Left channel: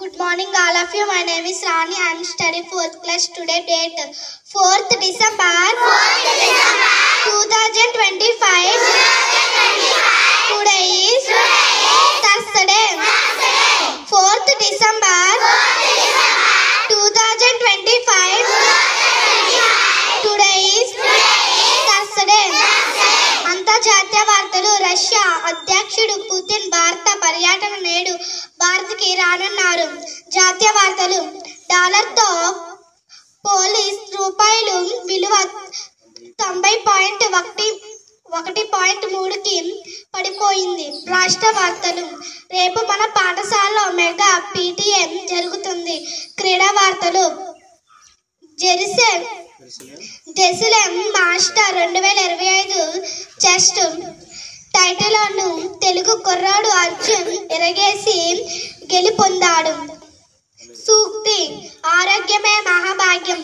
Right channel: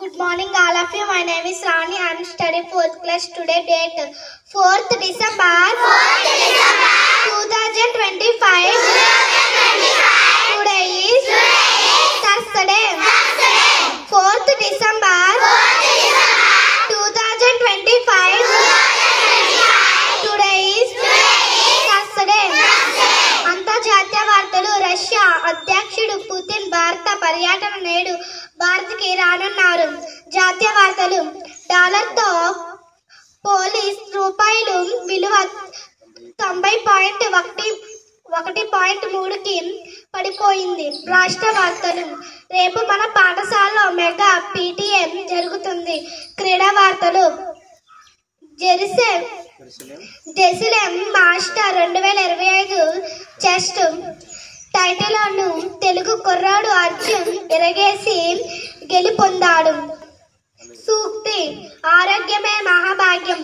Good morning, all of you. My name is Rani. I am studying 4th class. Today date 4th December 2025. Today is Thursday. 4th December 2025. Today is Thursday. అంతర్జాతీయ వార్తలు. Russia అధ్యక్షుడు Putin భారత పర్యటన నేడు భారత్కి రానున్నారు. జాతీయ వార్తలు. డాలర్తో పోలిష్ రూపాయలు విలువ 90.1.3కి పడిపోయింది. రాష్ట్ర వార్తలు. రేపు మన పాఠశాలలో మెగా PTM జరుగుతుంది. క్రీడా వార్తలు. జెరూసలేం మాస్టర్ 2025 చెస్ టైటిల్ను తెలుగు కుర్రాడు అర్జున్ ఎరగేసి గెలుపొందాడు. సూక్తి. ఆరోగ్యమే మహాభాగ్యం.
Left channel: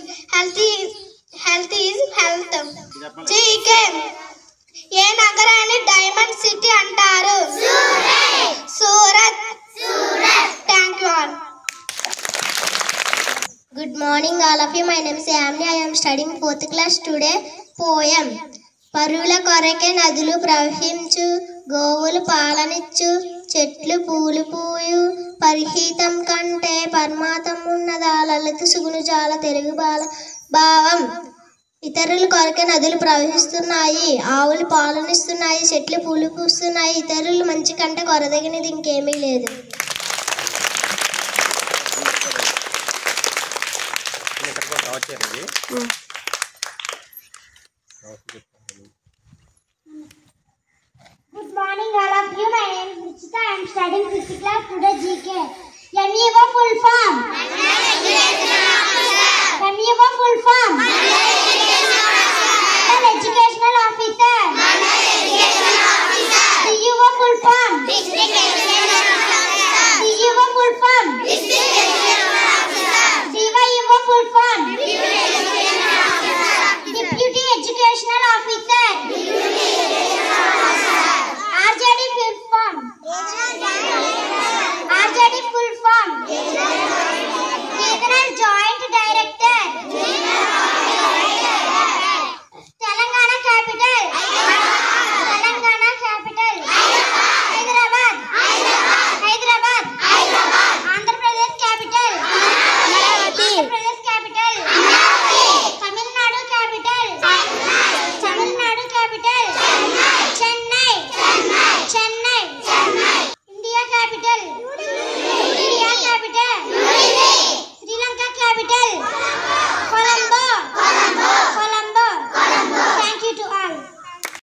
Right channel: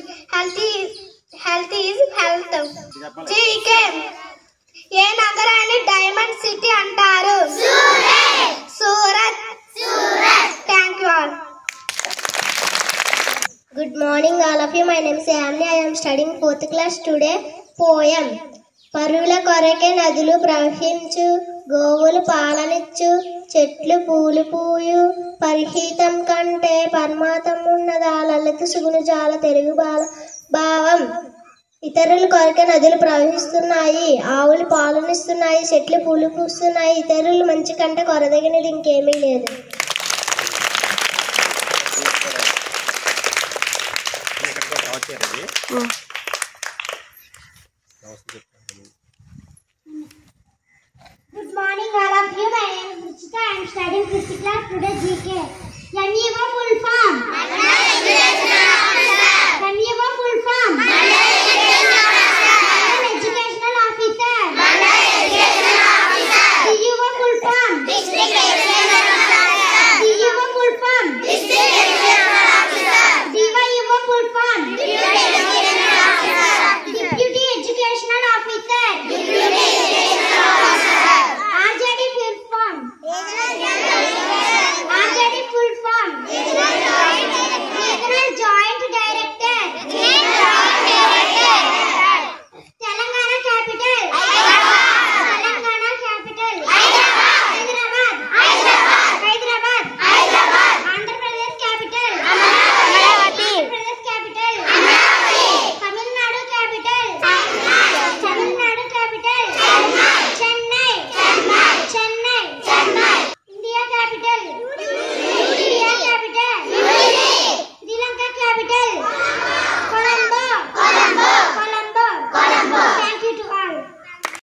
Health is wealth. జీకే. ఏ నగరాన్ని డైమండ్ సిటీ అంటారు? Surat. Thank you all. Good morning, all of you. My name is Yamini. I am studying 4th class. Today, poem. పరువుల కొరకే నదులు ప్రవహించు, గోవులు పాలనిచ్చు, చెట్లు పూలు పూయు, పరిహితం కంటే పరమాతం ఉన్నదా, లలిత సుగుణజాల తెలుగు భావం. ఇతరుల కొరకే నదులు ప్రవహిస్తున్నాయి, ఆవులు పాలనిస్తున్నాయి, చెట్లు పూలు పూస్తున్నాయి. ఇతరులు మంచి కంటే కొరదగినది ఇంకేమీ లేదు. Good morning, all of you. My name is Ruchita. I am studying 5th class. Today GK. NEO full form.